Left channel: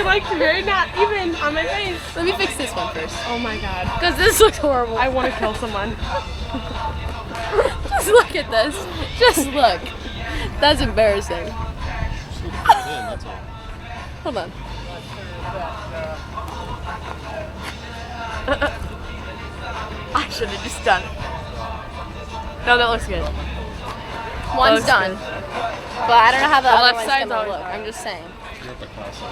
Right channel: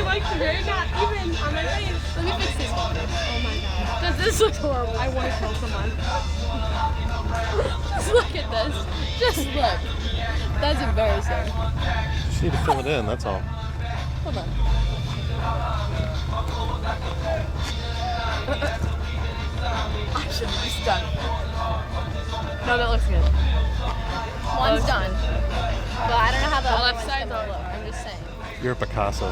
you like you're not even on my face. Let me fix this one first. Oh my god. Because this looks horrible. I want to kill someone. Just look at this. Just look. That's embarrassing. Just need to fill it in, that's all. Hold on. I should have just done it. No, that looks good. One's done. But I don't know how the other left one's side's gonna always look. hard. I'm just saying. You're a Picasso.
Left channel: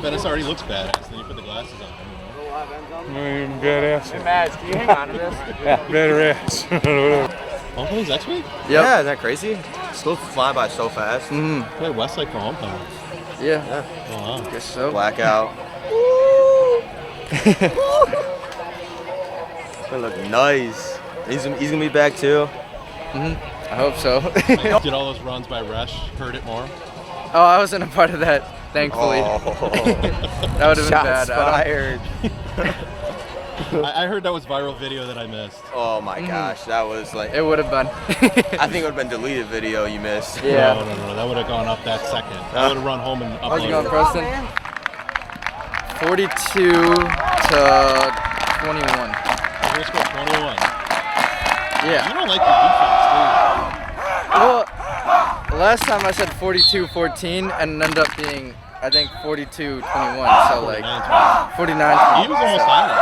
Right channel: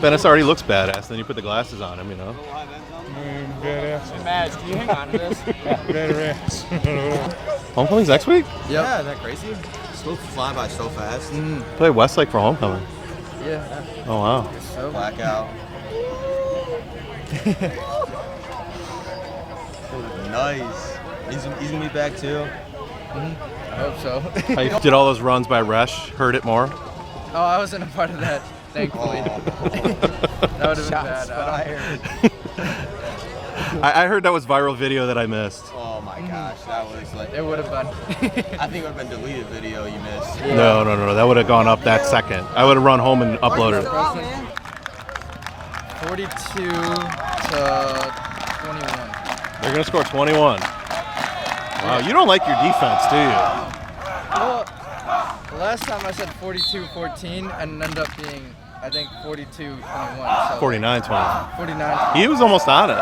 Venice already looks badass, then you put the glasses on him, you know? Badass. Hey, Madge, can you hang on to this? Badass. Homecoming's next week? Yeah, isn't that crazy? Still flying by so fast. Play Westlake for homecoming. Yeah. Oh, wow. Guess so. Blackout. They look nice. He's gonna be back too. I hope so. Did all those runs by Resh hurt it more? Oh, I wasn't a part of that, thankfully. Oh. That would have been Shots bad. fired. I heard that was viral video that I missed. Oh my gosh, that was like. It would have been. I think it would have been deleted video you missed. No, that would have gone up that second. I would have run home and uploaded it. 42 to 21. You're gonna score 21. Yeah. You don't like your defense, do you? Well, last time I said 42-14 and it ended up being, I think, 42-21. So 49-20. 49. He was almost on it.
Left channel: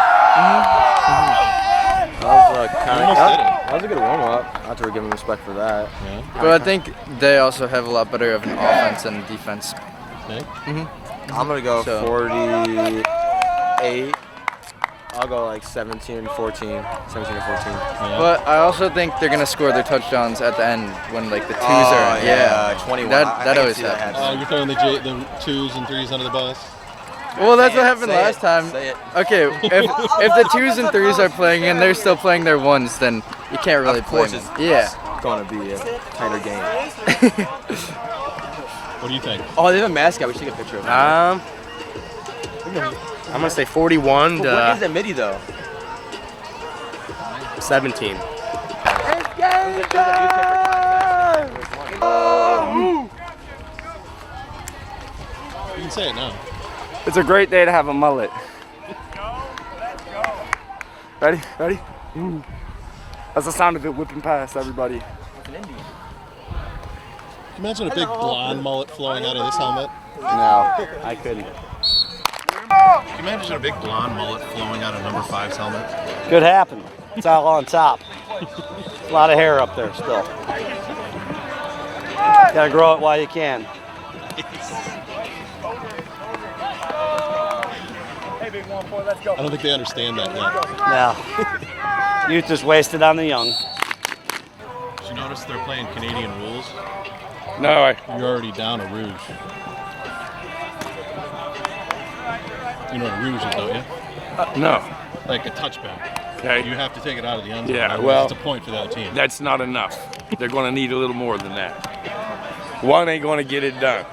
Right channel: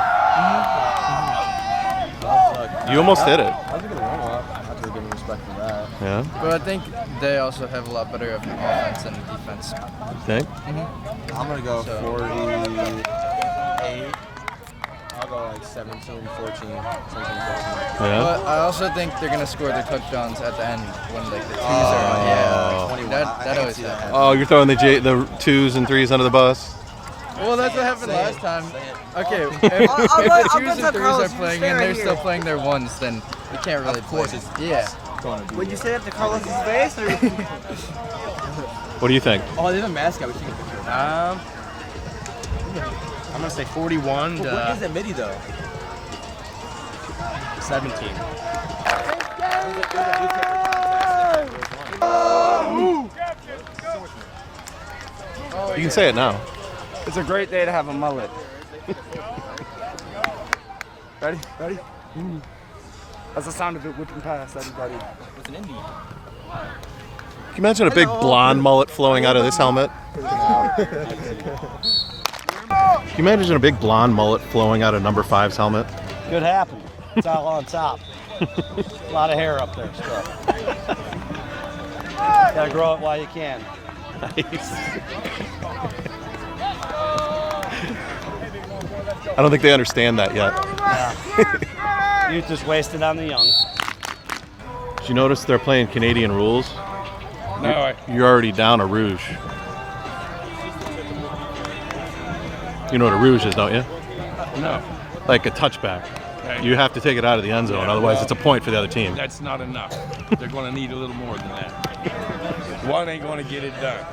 You almost did it. That was a good warm-up. I have to give him respect for that. Yeah. But I think they also have a lot better of an offense and defense. Think? I'm gonna go So- 48. I'll go like 17 or 14. Yeah. But I also think they're going to score their touchdowns at the end when like the twos Oh, are. yeah, 21. That I can always see that happens. Oh, you're throwing the 2s and 3s under the bus? Well, that's Say what it, happened say last it, time. say it. Okay, if the 2s and 3s are playing and they're still playing their 1s, then you can't really Of course play. it's Yeah. gonna be a tighter game. What do you think? Oh, they have a mascot. We should get a picture of it. I'm gonna say 41 But what is to that midi though? 17. You can say it now. It's a great day to have a mullet. Ready? Ready? That's the sound of it whipping past everybody. It's an Indian. Can you imagine a big blonde mullet flowing out of this helmet? No, I couldn't. Can you imagine a big blonde mullet flowing out of number 5's helmet? Could happen. It's all on top. A lot of hair up there still. Gotta grow it while you can. Nice. I don't think they understand that yet. No. Youth is wasted on the young. Did you notice they're playing Canadian rules? No, You're already down a rouge. You know what a rouge is, don't you? no. Like a touchback. Okay. You have to take it out of the end zone, Yeah, otherwise well- it's a point for the other team. That's not enough. They're going to need a little more than that. One ain't going to get it done.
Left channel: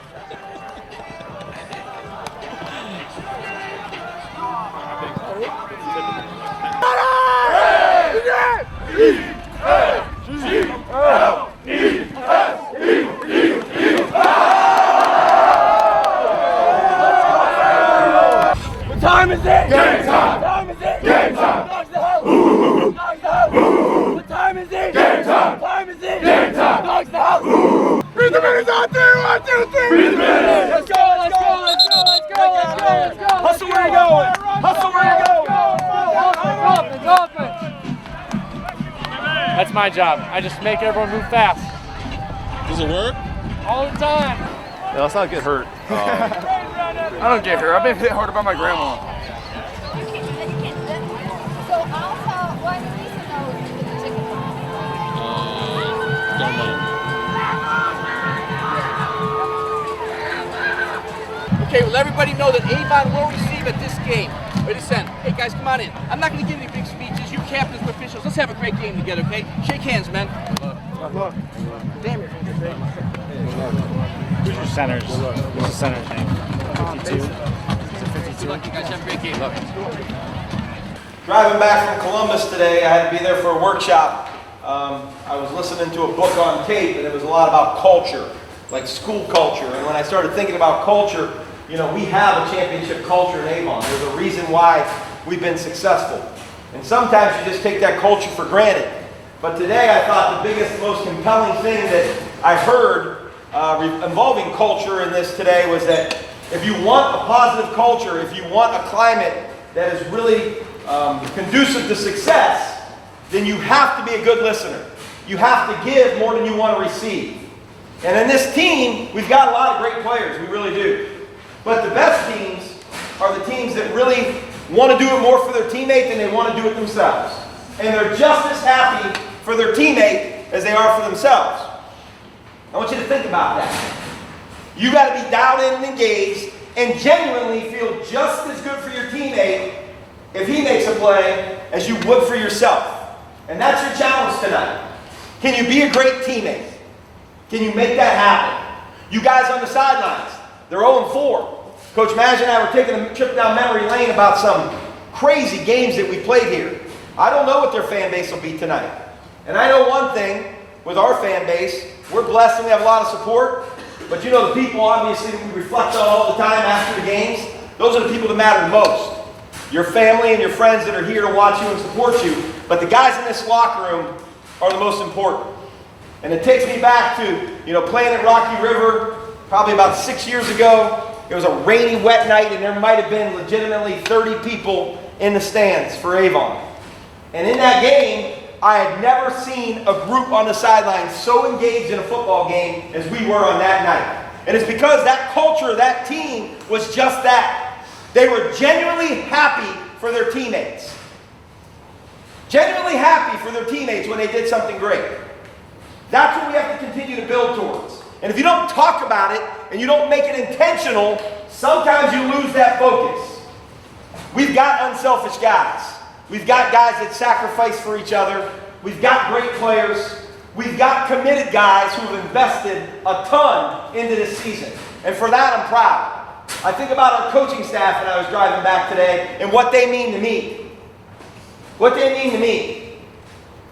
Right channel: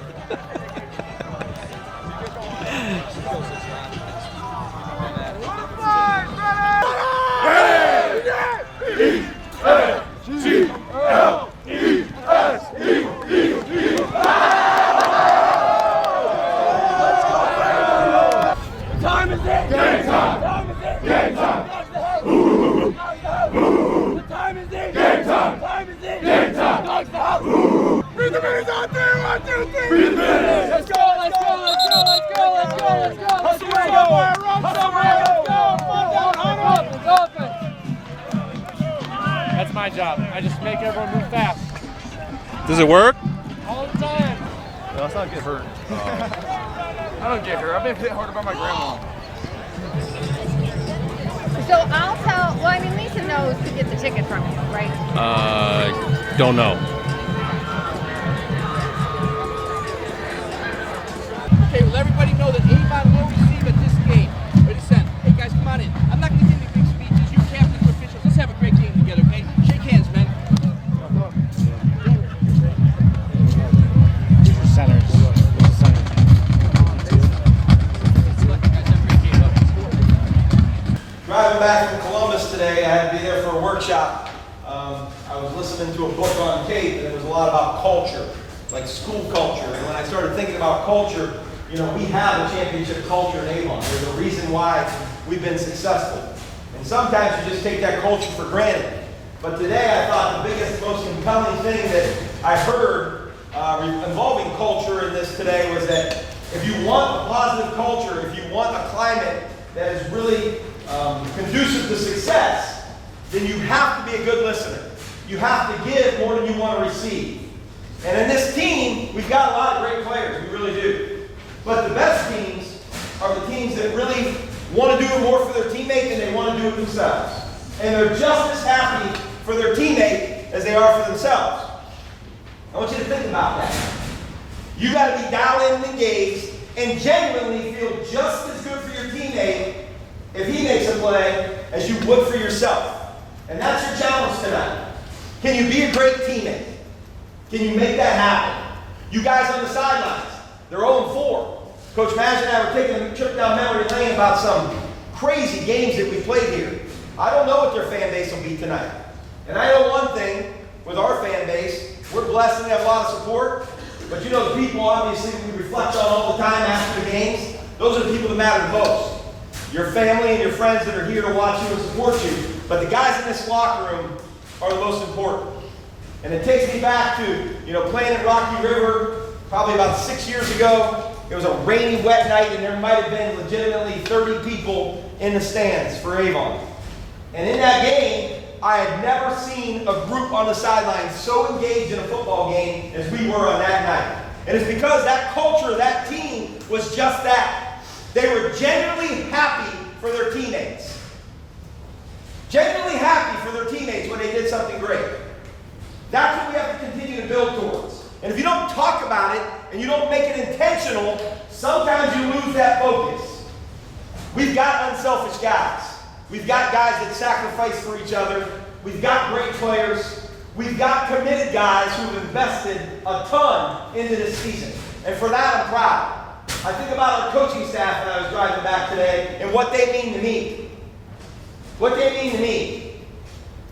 That's my job. I just make everyone move fast. Does it work? All the time. No, let's not get hurt. I don't get hurt. I've been hit harder by my grandma. So I'll tell, well, I mean, Lisa knows to get the ticket from him, right? Don't know. Okay, well, everybody know that Avon will receive at this game. Ready, set. Hey, guys, come on in. I'm not going to give any big speeches. You captains and officials, let's have a great game together, okay? Shake hands, men. Who's your centers? Who's the center's name? Good luck, you guys. Have a great game. Love you. Driving back from Columbus today, I had to be there for a workshop. I was listening to a book on tape, and it was a lot about culture, like school culture. And when I started thinking about culture, You know, we have a championship culture in Avon. There's a reason why we've been successful. And sometimes you just take that culture for granted. But today I thought the biggest, most compelling thing that I heard involving culture in this today was that if you want a positive culture, if you want a climate that is really conducive to success, then you have to be a good listener. You have to give more than you want to receive. And in this team, we've got a lot of great players. We really do. But the best teams are the teams that really want to do it more for their teammate than they want to do it themselves. And they're just as happy for their teammate as they are for themselves. I want you to think about that. You got to be dialed in and engaged and genuinely feel just as good for your teammate if he makes a play as you would for yourself. And that's your challenge tonight. Can you be a great teammate? Can you make that happen? You guys on the sidelines, they're 0-4. Coach Madge and I were taking a trip down memory lane about some crazy games that we played here. I don't know what their fan base will be tonight. And I know one thing with our fan base, we're blessed and we have a lot of support. But you know the people obviously we reflect on all the time after the games, those are the people that matter the most. Your family and your friends that are here to watch you and support you. But the guys in this locker room are the most important. And it takes me back to, playing at Rocky River probably about 6 years ago. It was a rainy, wet night, and there might have been legitimately 30 people in the stands for Avon. And in that game, I had never seen a group on the sidelines so engaged in a football game as we were on that night. And it's because that culture, that team, was just that. They were genuinely happy for their teammates. Genuinely happy for their teammates when they did something great. That's what we have to continue to build towards. And if you don't talk about it and you don't make it intentional, sometimes you lose that focus. We've got unselfish guys. We've got guys that sacrifice for each other. We've got great players. We've got committed guys who have invested a ton into this season. And for that, I'm proud. I think about our coaching staff when I was driving back today and what they mean to me. What they mean to me.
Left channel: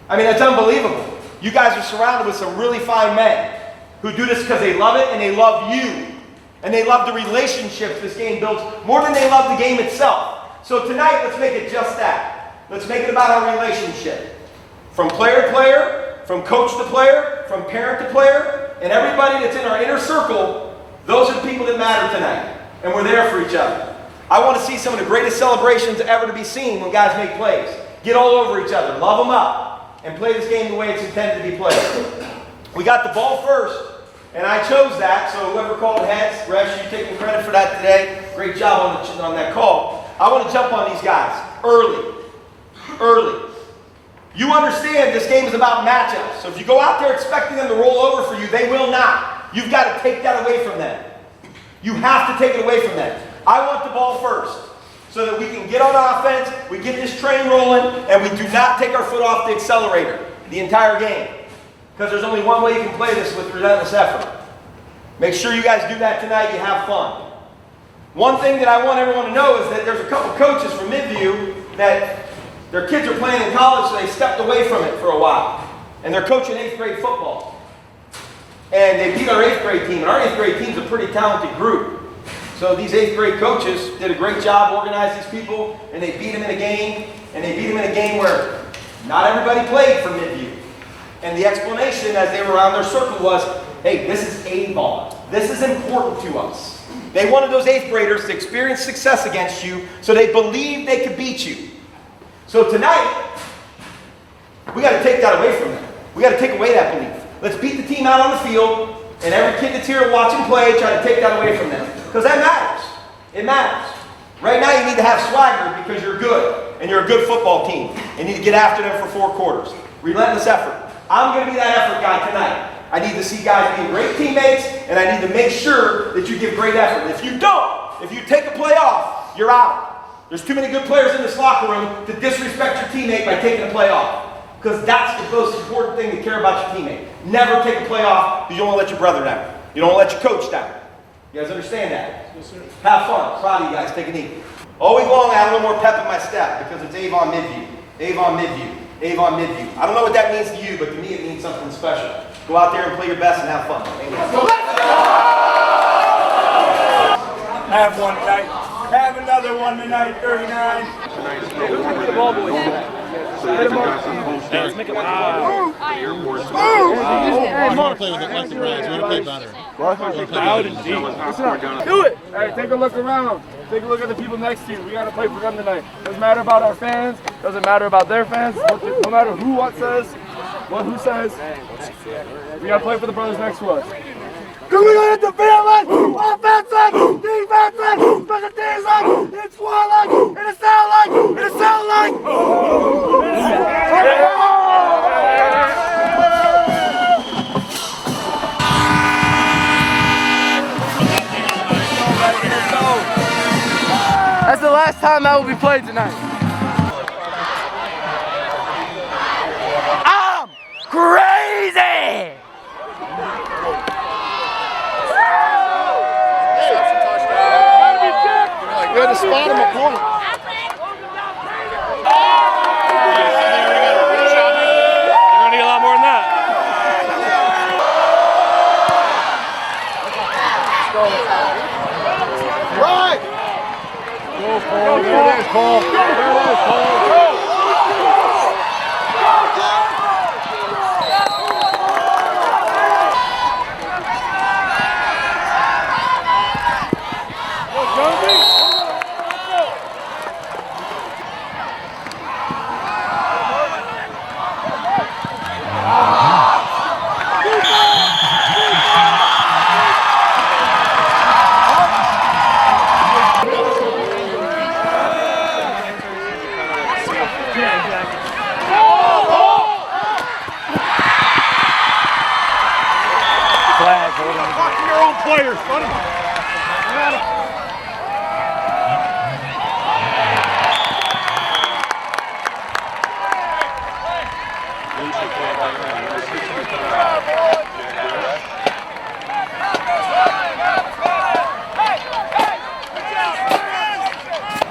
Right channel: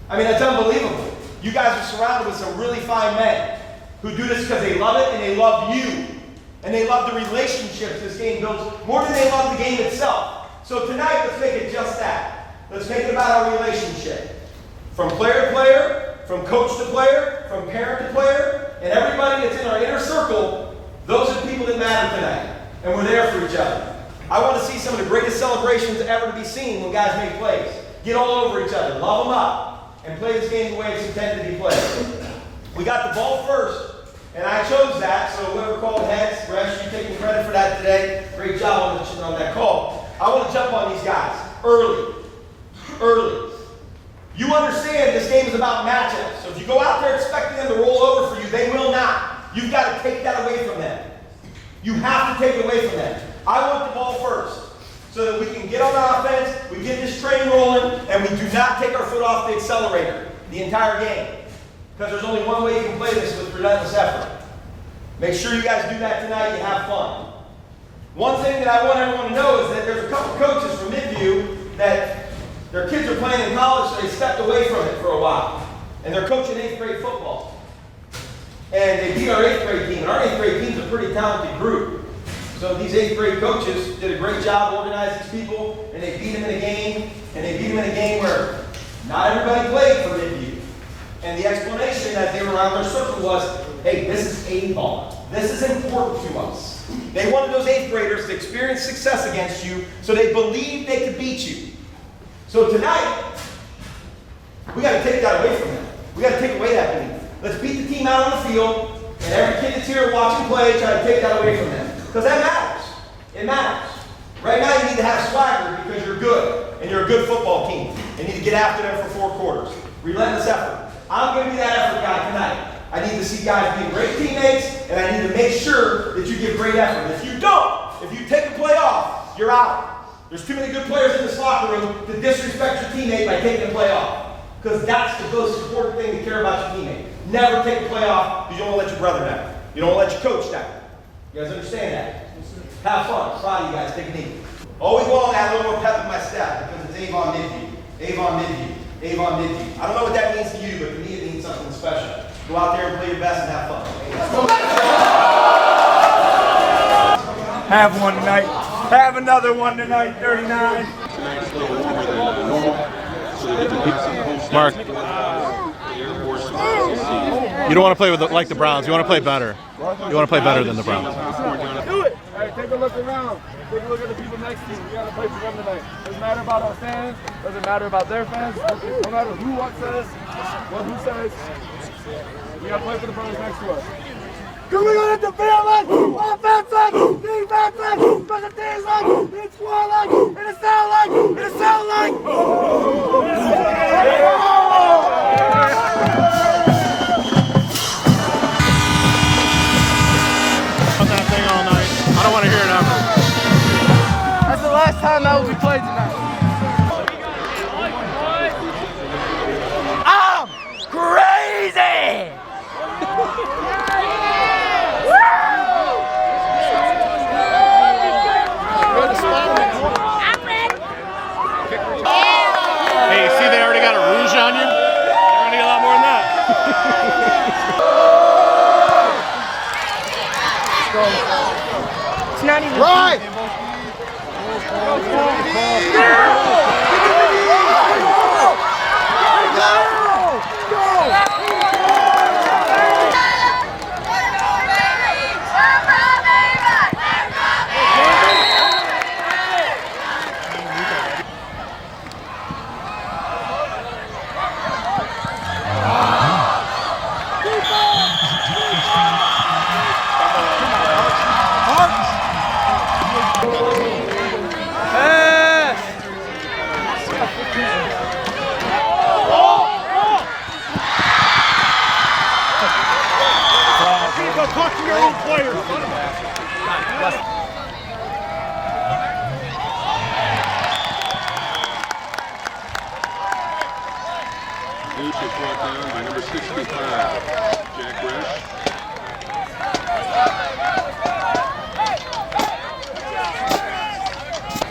I mean, it's unbelievable. You guys are surrounded with some really fine men who do this because they love it and they love you. And they love the relationships this game builds more than they love the game itself. So tonight, let's make it just that. Let's make it about our relationship. From player to player, from coach to player, from parent to player, and everybody that's in our inner circle, those are the people that matter tonight. And we're there for each other. I want to see some of the greatest celebrations ever to be seen when guys make plays. Get all over each other, love them up, and play this game the way it's intended to be played. We got the ball first, and I chose that, so whoever called heads, Resh, you taking credit for that today. Great job on that call. I want to jump on these guys early. Early. You understand this game is about matchups, so if you go out there expecting them to roll over for you, they will not. You've got to take that away from them. You have to take it away from them. I want the ball first so that we can get on offense, we get this train rolling, and we do not take our foot off the accelerator the entire game. Because there's only one way you can play this with relentless effort. Make sure you guys do that tonight, you have fun. One thing that I want everyone to know is that there's a couple coaches from Midview that their kids are playing in college, so they stepped away from it for a while. And they're coaching 8th grade football. And they beat our 8th grade team. And our 8th grade team's a pretty talented group. So these 8th grade coaches did a great job organizing these people, and they beat them in a game. And they beat them in a game where not everybody played from Midview. And the explanation as they were around their circle was, hey, this is Avon. This is important to us. They wanted those 8th graders to experience success against you so they believed they could beat you. So tonight, we got to take that away from them. We got to take away that belief. Let's beat the team out on the field, and every kid that's here watching play, try to take that away from them. Because that matters. It matters. Right now, you need to have swagger because you're good, and you're a good football team. And you need to get after them for 4 quarters. Relentless effort. I'm going to be that effort guy tonight. I need to see guys being great teammates, and I need to make sure that you give great effort. If you don't, if you take a play off, you're out. There's too many good players in this locker room to disrespect your teammate by taking a play off. Because that's the most important thing to care about your teammate. Never take a play off because you don't want to let your brother down. You don't want to let your coach down. You guys understand that? Yes, sir. Have fun. Proud of you guys. Take it easy. All week long, I have a little more pep in my step because it's Avon Midview. Avon Midview. Avon Midview. I don't know what that means to you, but to me it means something special. Go out there and play your best and have fun. Have one tonight. Have another one tonight, 39. Tonight's a little warmer than normal, so that you can pass on the homestead for the Air Force. You don't want to play with like the Browns. You want to play better. You want to play better than the Browns. Do it. Hey, take a look around. Take a look at the people next to you. We got to play for them tonight. Doesn't matter about our fans. Doesn't matter about their fans. No matter who says, who says. We got to play for the brothers next to us. Coming on at the field, offensive, defensive, special teams, it's squad, it's sound like, it's sound like. That's the last time that will be played tonight. I'm crazy! You're the spot in the corner. Hey, see, they already got a rouge on you? You're going to get a lot more than that. Right! Talk to your own players.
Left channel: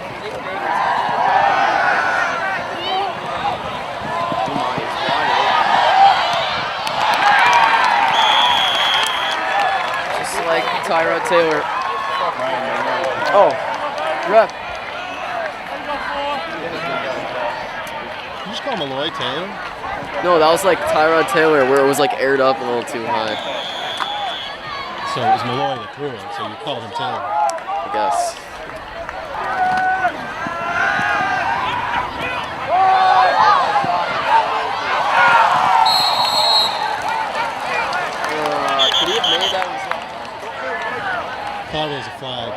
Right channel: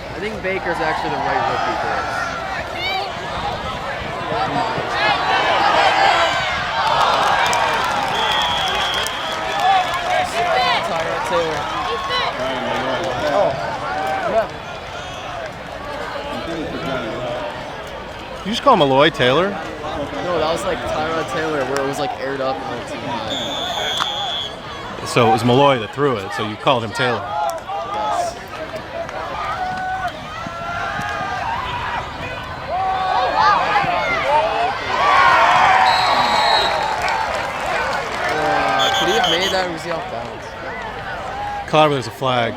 I think Baker's actually the right Just like Tyra Taylor. Oh, ref. You just call Malloy Taylor? No, that was like Tyra Taylor where it was like aired up a little too high, So it was Malloy that threw it, so you called him Taylor. I guess. Could he have made that? Or was he off balance? Clearly there's a flag.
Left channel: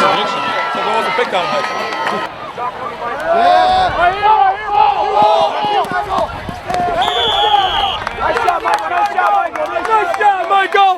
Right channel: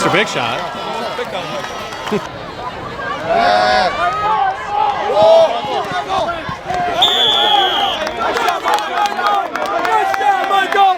It's a big shot. Nice shot, Michael!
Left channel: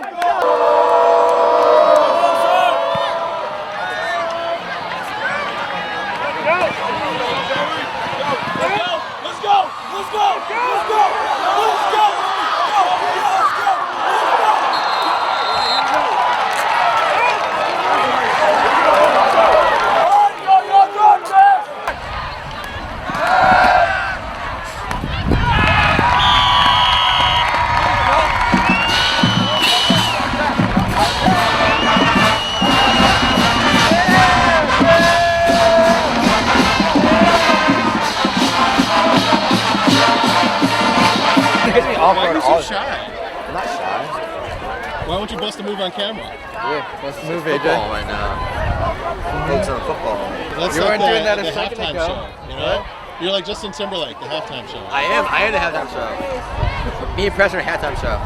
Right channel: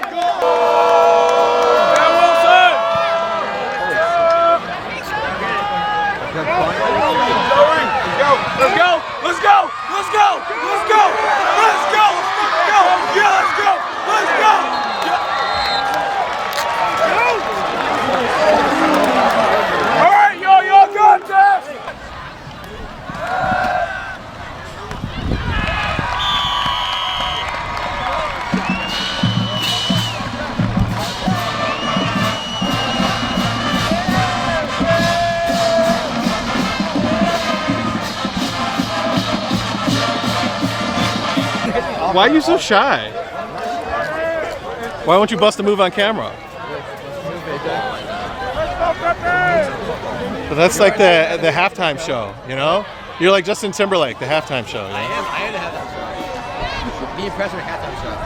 Why are you so shy? Why won't you bust a move on camera? Let's move it. But that's like the halftime show, you know? You're like Justin Timberlake, the halftime show. I am the halftime show. Me and Preston are halftime show.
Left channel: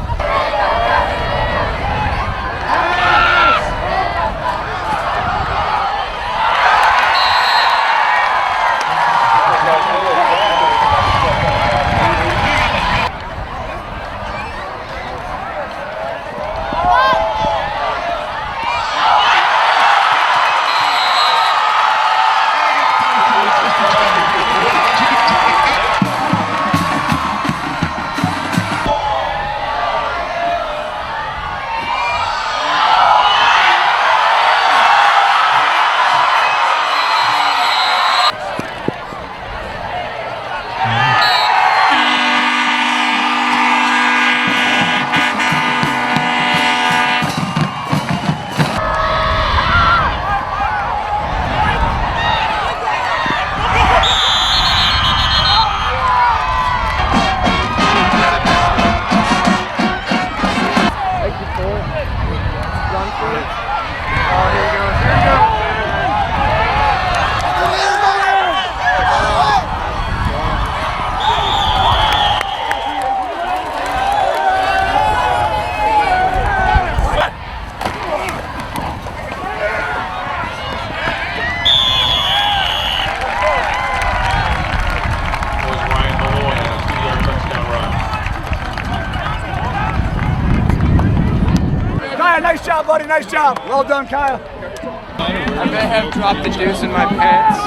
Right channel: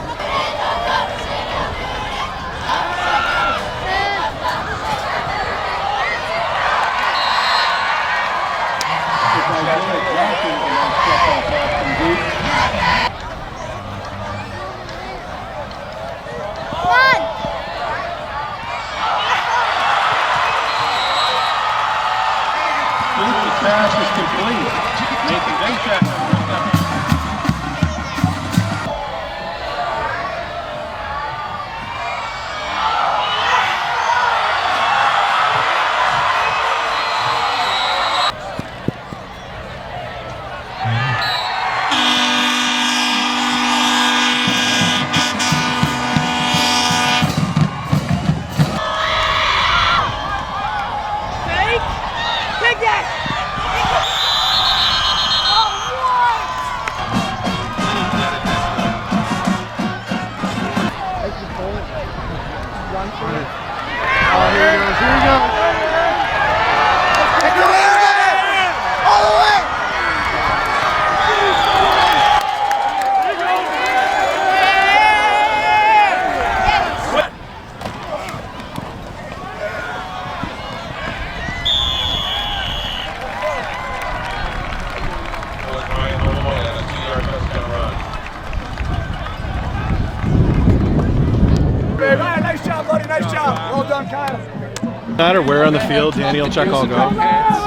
Nice job, buddy. Nice job. Well done, Kyle. No matter where on the field, Danny will check all the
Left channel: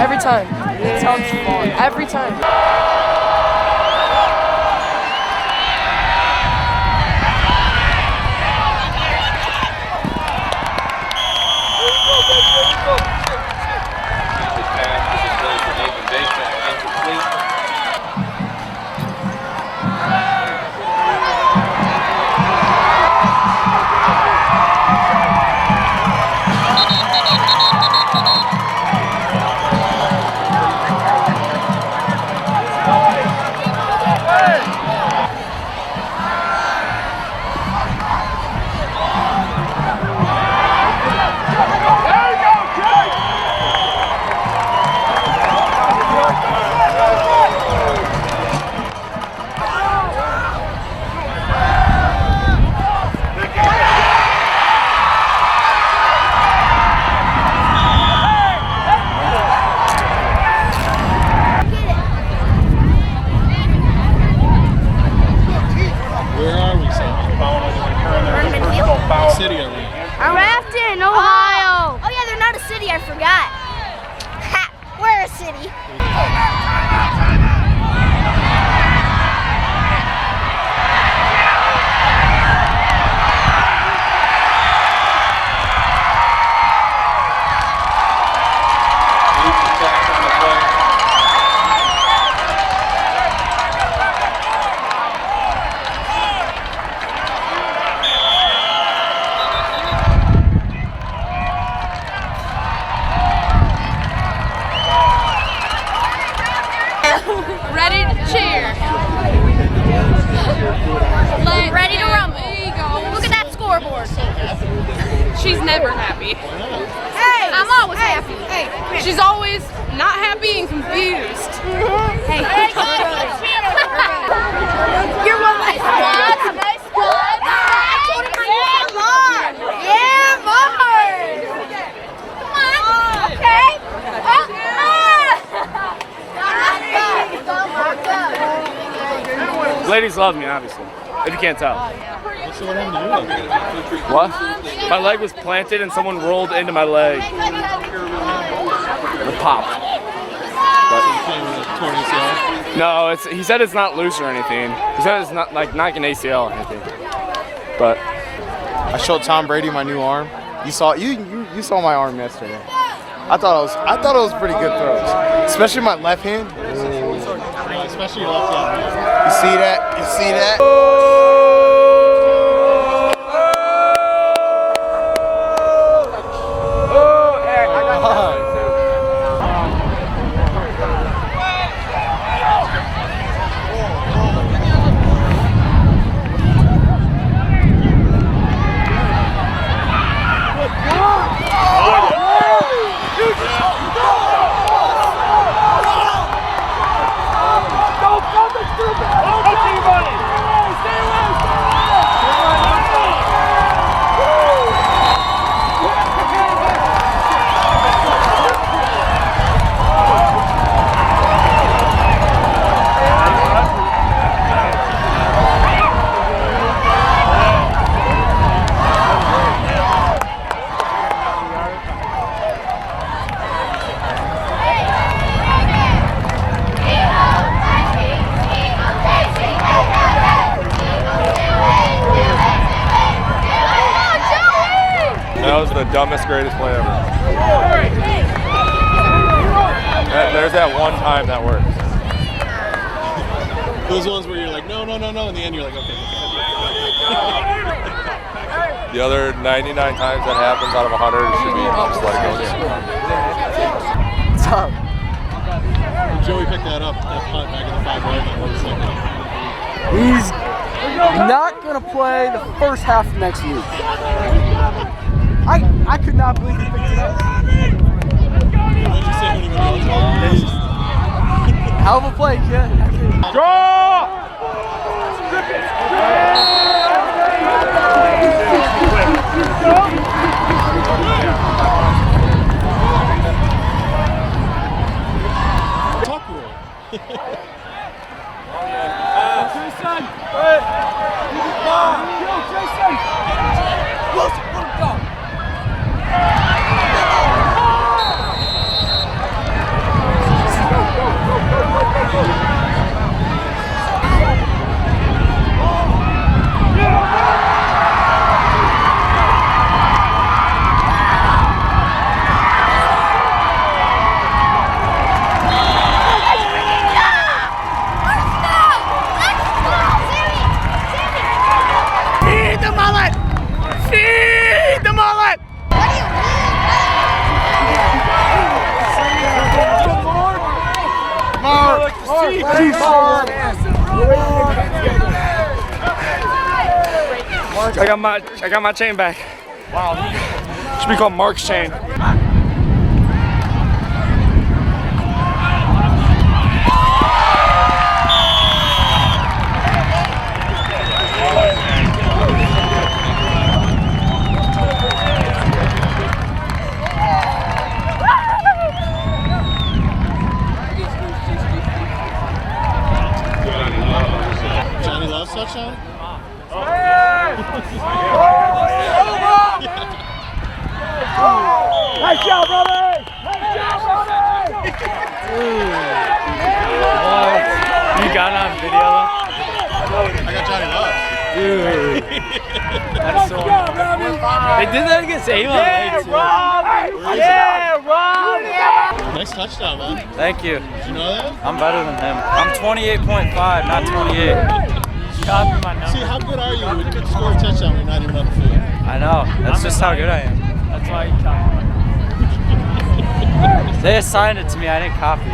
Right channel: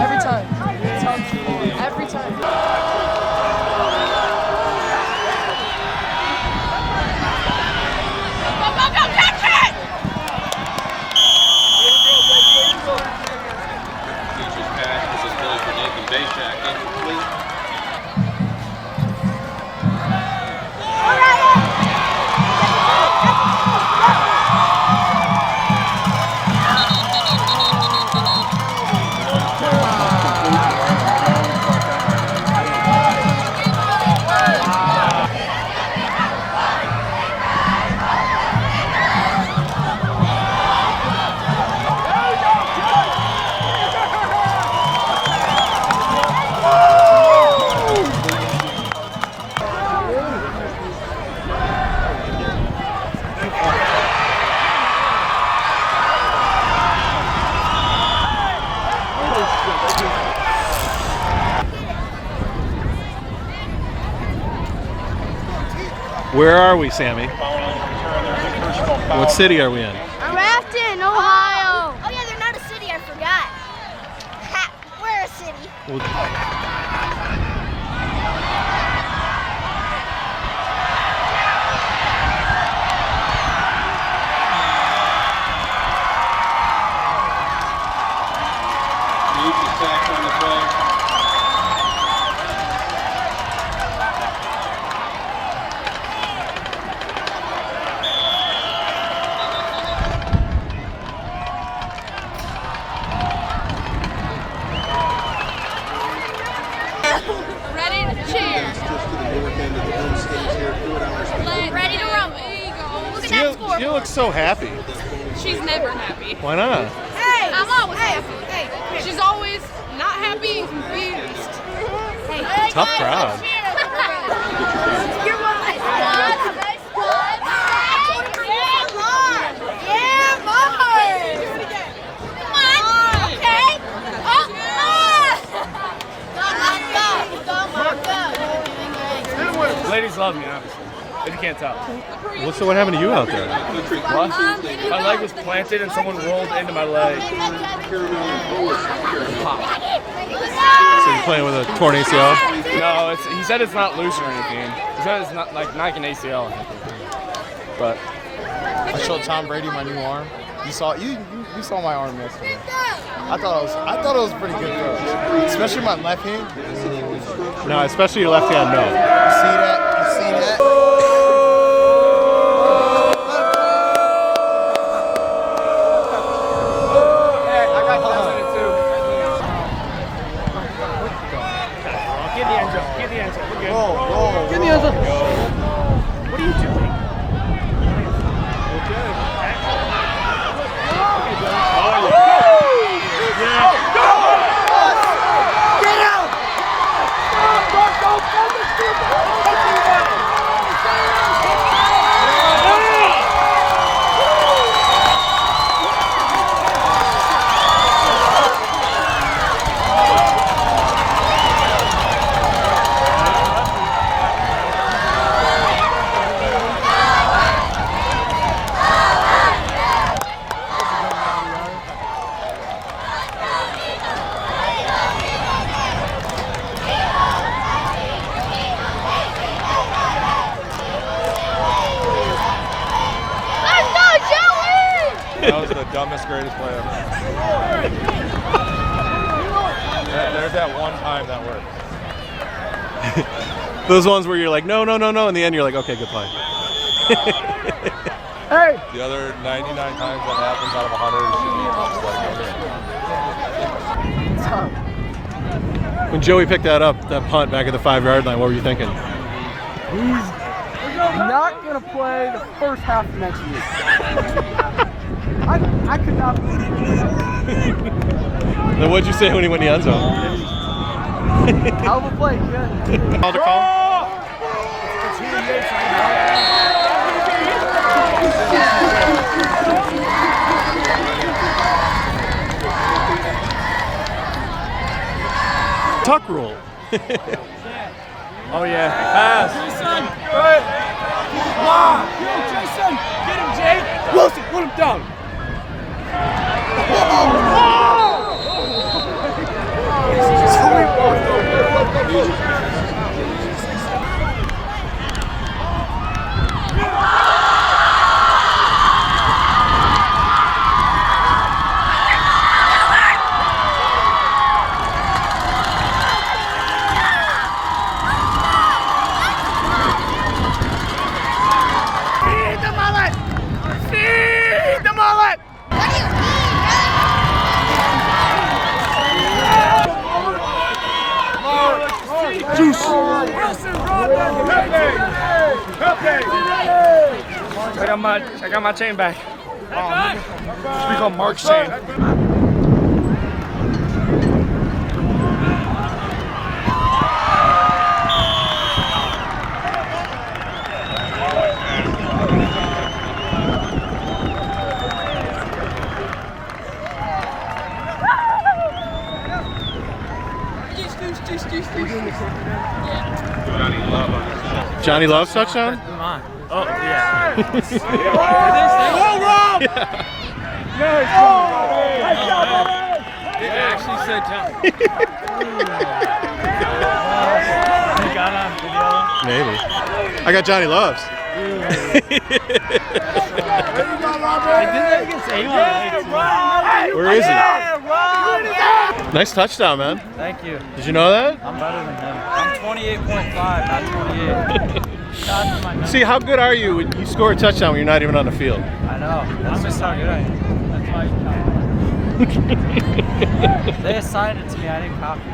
Every time. Every time. Where are we, Sammy? What city are we in? Rafton, Ohio. Oh yeah, they're not a city. I forgot. Ha, we're a city. Ready to cheer. Like, ready to rumble. There you go. Look at that scoreboard. You look so happy. She's never happy. Why not? I'm always happy. She's always not happy and confused. Hey, Tough crowd. You're welcome. Yeah, boy. Come on. ladies love me, obviously. If you can't tell. So what happened to you out there? What? My leg was planted and someone rolled into my leg. The pop. You're playing with a torn ACL? No, he said it's not loose or anything. He said it's not like not an ACL or anything. But I showed Tom Brady my new arm. You saw my arm yesterday. I thought it was pretty good throws, especially my left hand. No, especially your left hand. No. You see that? You see that? That was the dumbest, greatest play ever. There's that one time that works. Those ones where you're like, no, no, no, no. In the end, you're like, okay, good fine. The other 99 times that happens out of 100 should be just like When Joey picked that up, that punt back at the 5-yard line, what were you thinking? He's not going to play the first half of next week. I could not believe it. Then what'd you say when he went the end zone? Hell of a play, kid. Tuck roll. oh yeah. Pass. Jason! Yo, Jason! Wilson, put him down! Feed the mullet! Feed the mullet! What do you mean, I got my chain back. Should be called Mark's chain. Johnny Love's touchdown? Oh, yeah. Nice job, buddy! It actually said You got on video? Maybe. I got Johnny Love's. Dude. They did that against Avon. Where is it? Nice touchdown, man. Thank you. Did you know that? I'm better than him. I'm 28.5, not 28. See, how good are you when you score a touchdown when you're not even on the field? I know. That's just how good I am. That's why you talk. They assigned it to me. I didn't copy it.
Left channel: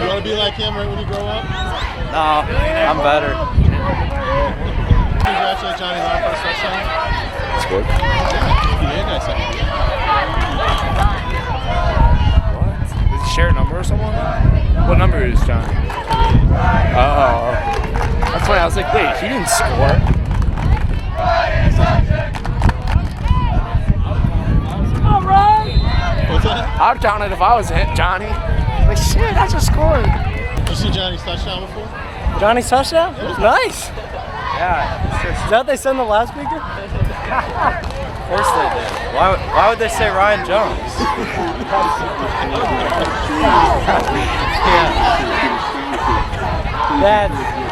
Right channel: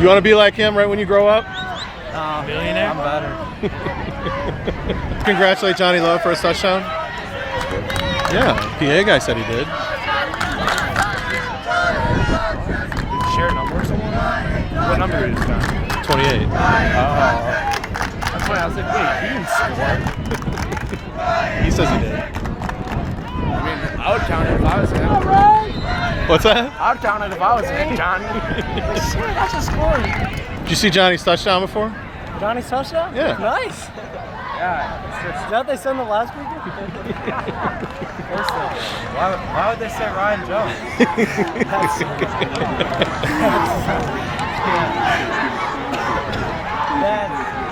You want to be like him right when you grow up? No, I'm better. Congratulate Johnny Love for his touchdown. That's good. Yeah, PA guy said he did. Did you share a number or something? What number is John? 28. Oh. That's why I was like, wait, he didn't score. He says he did. I mean, I would count it if I was him. What's that? I would count it if I was him, Johnny. Like, shit, I just scored. Did you you see Johnny's touchdown before? Johnny's touchdown? Yeah. Nice. Yeah. Is that what they said in the loudspeaker? Of course they did. Why would they say Ryan Jones?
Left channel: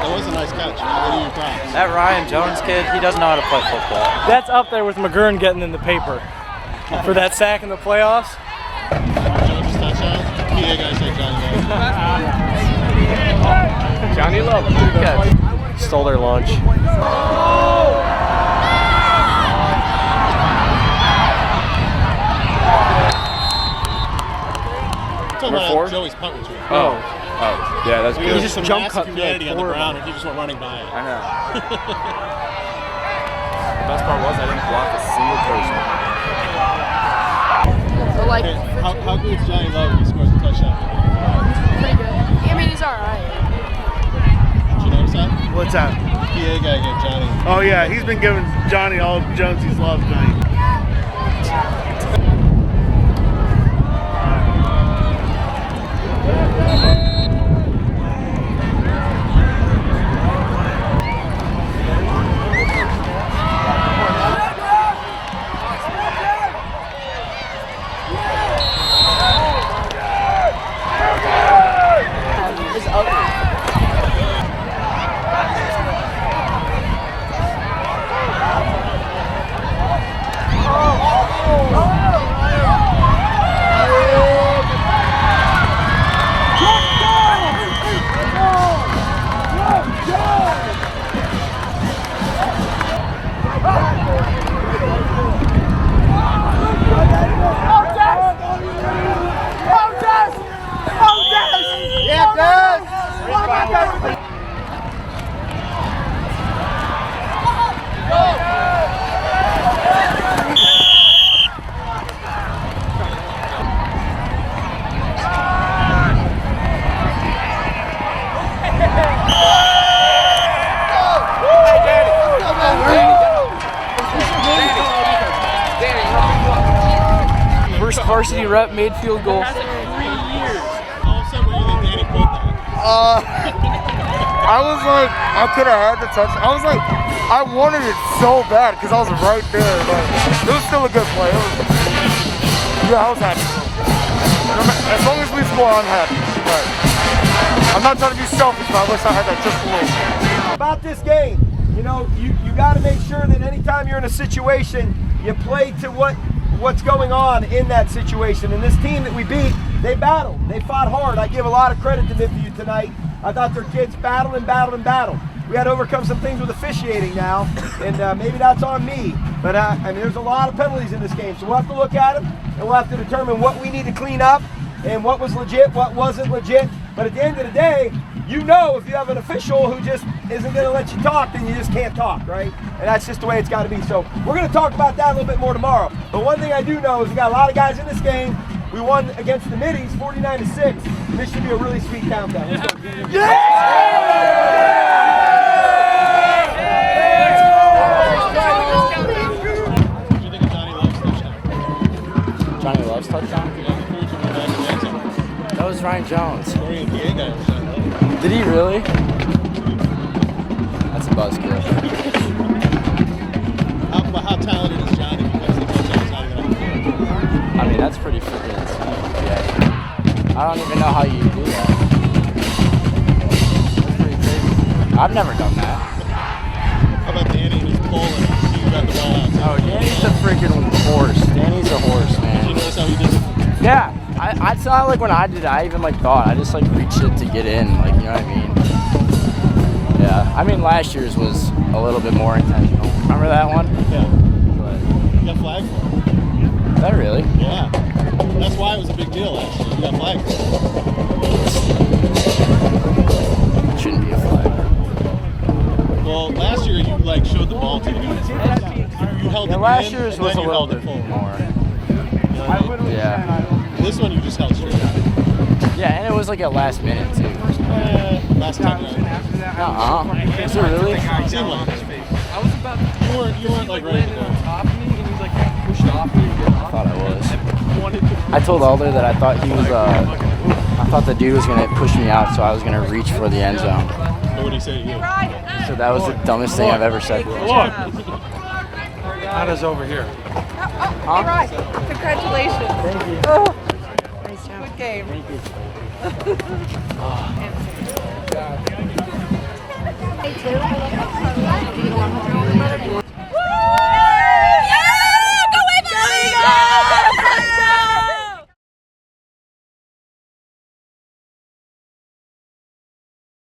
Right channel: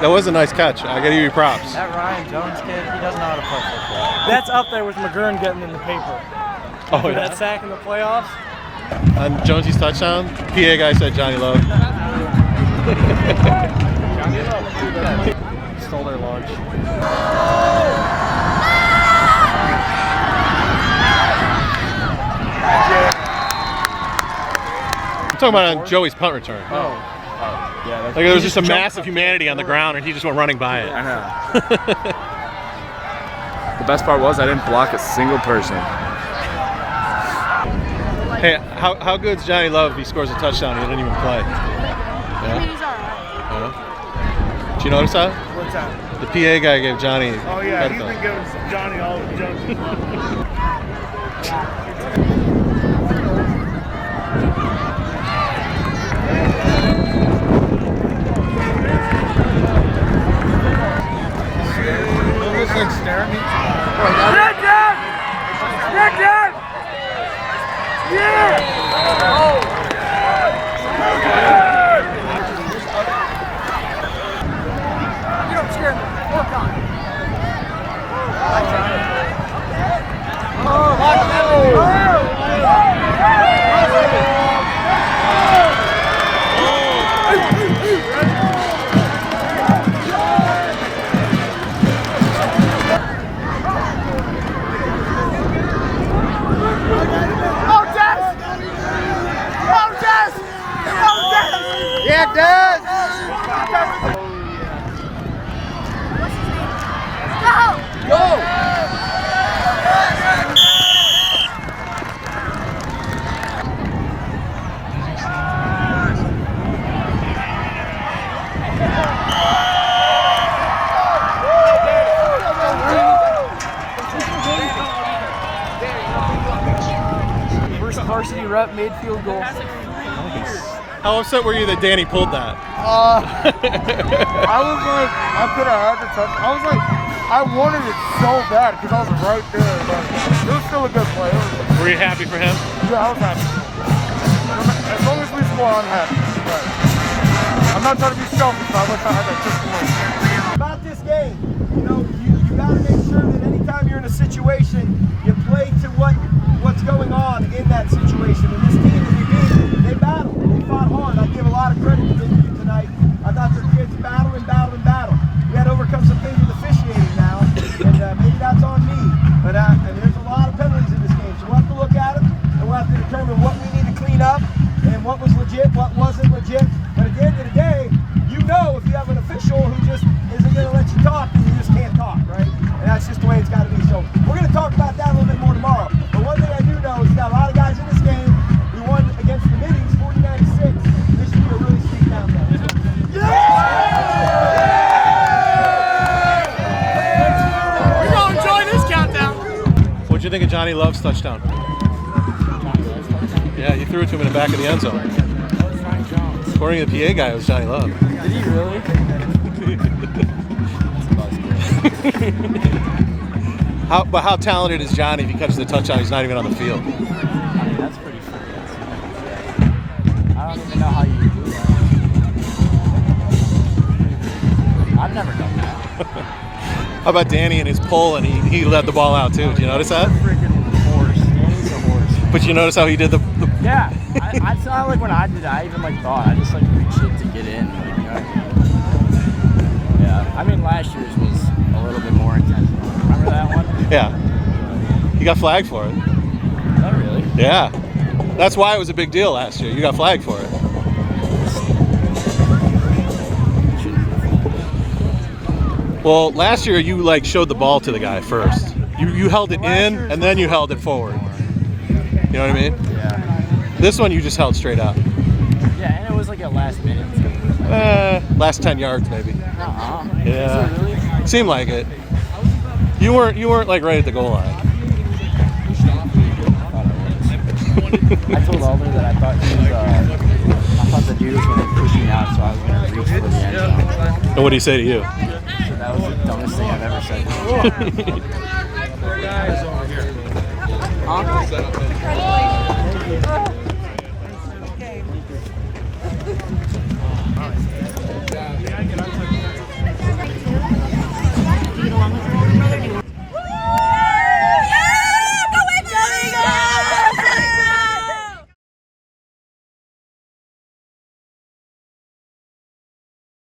That was a nice catch. I gotta give you props. That Ryan Jones kid, he doesn't know how to play football. That's up there with McGurn getting in the paper for that sack in the playoffs. Jonesy's touchdown. PA guy said Johnny Love. Johnny Love. Stole their lunch. Talking about Joey's punt return. Oh, yeah, that's like there was just a massive humanity on the ground, and he just went running by it. I know. The best part was I didn't block a single person. Hey, how good's Johnny Love if he scores a touchdown? He didn't even play. I mean, he's all right. Did you notice that? What's that? The PA guy gave Johnny. Oh yeah, he's been giving Johnny all Jonesy's love. Yeah, it does. First varsity rep made field goal. How upset were you that Danny pulled that? I was like, I could have had the touch. I was like, I wanted it so bad because I was right there, but it was still a good play. Were you happy for him? Yeah, I was happy. As long as we score, I'm happy. But I'm not trying to be selfish, but I wish I had that just to win. About this game, you know, you got to make sure that anytime you're in a situation, you play to what's going on in that situation. And this team that we beat, they battled. They fought hard. I give a lot of credit to them tonight. I thought their kids battled and battled and battled. We had to overcome some things with officiating now, and maybe that's on me. But I mean, there's a lot of penalties in this game, so we'll have to look at them, and we'll have to determine what we need to clean up and what was legit, what wasn't legit. But at the end of the day, you know if you have an official who just isn't going to let you talk, then you just can't talk, right? And that's just the way it's got to be. So we're going to talk about that a little bit more tomorrow. But one thing I do know is we got a lot of guys in this game. We won against the Middies 49-6. This should be a really sweet countdown. Let's go. What'd you think of Johnny Love's touchdown? Johnny Love's touchdown? Yeah, he threw it to him in the back of the end zone. That was Ryan Jones. According to the PA guy, it was Johnny Love. Did he really? That's a buzzkill. But how talented is Johnny if he catches the touchdown? He's not even on the field. I mean, that's pretty freaking insane. I don't even know how you do that. That's pretty crazy. I've never done that. How about Danny and his pull, and he led the ball out too? Oh, you notice that? He's a freaking horse. Danny's a horse, man. But you notice how he did the... Yeah. I saw like when I did it, I even like thought, I just like reached it to get in, like, you know what I mean? Yeah. I mean, last year's was a little bit more intentional. Remember that one? Yeah. You got flagged for it. Is that really? Yeah. That's why it was a big deal last year. You got flagged for it. It shouldn't be a flag. Well, last year you like showed the ball to the guy first. You held it in and then you held it forward. You know what I mean? Yeah. This one you just held straight out. Yeah, and it was like at last minute too. Last 10 yards maybe. Yeah. Yeah. Is it really? Seemed like it. You weren't like right at the goal line. I thought I was. I told Alder that I thought he was I thought the dude was gonna push me out, so I was gonna reach for the end zone. And what did he say to you? So that was the dumbest thing I've ever said. That is over here. Congratulations. Thank you. Good game. Good job.